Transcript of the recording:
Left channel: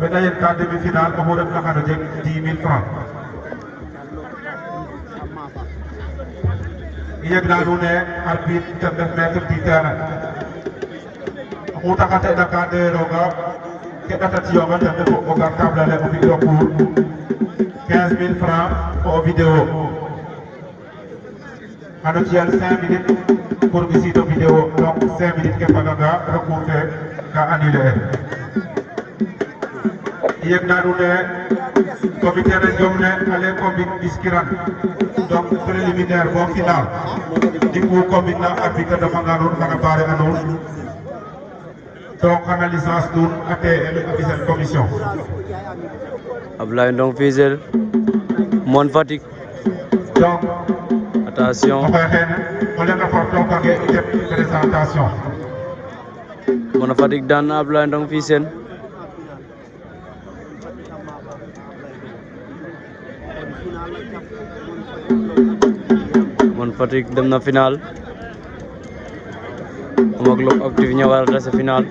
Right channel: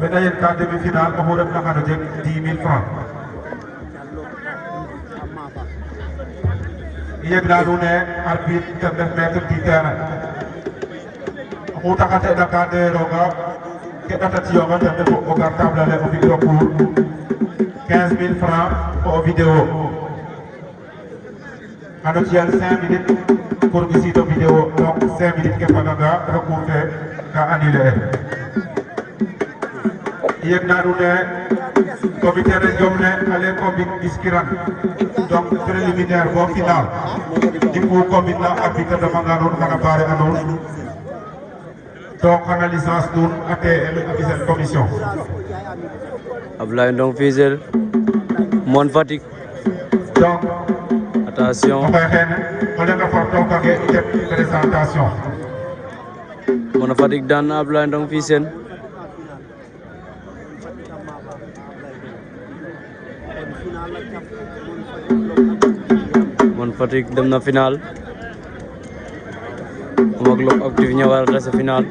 Maintenant, il y a une carte demi-finale, on va faire 10 000 francs. Il y a un arbitre qui est maître Peter. On a fait la carte de Roga, qui est au cartable pour 15 000 francs pour vidéo. Alors, il y a 5 minutes pour visiter la vidéo, donc 5 minutes que Pagaga recouvre à annuler. Il y a un comité de domaine à l'époque discret, donc préliminaire, au final. Du coup, comme il a habité de Mangalore, on a parlé à nous. Donc, on a licence nous à cette commission. Ablaye Ndong Fisel, Mon Fatick. Donc, attention. On va faire une présentation. Mon Fatick daan na Ablaye Ndong Fisel. Mon Fatick dem na final. Moom ak Lok Active ñëwaat na sa final.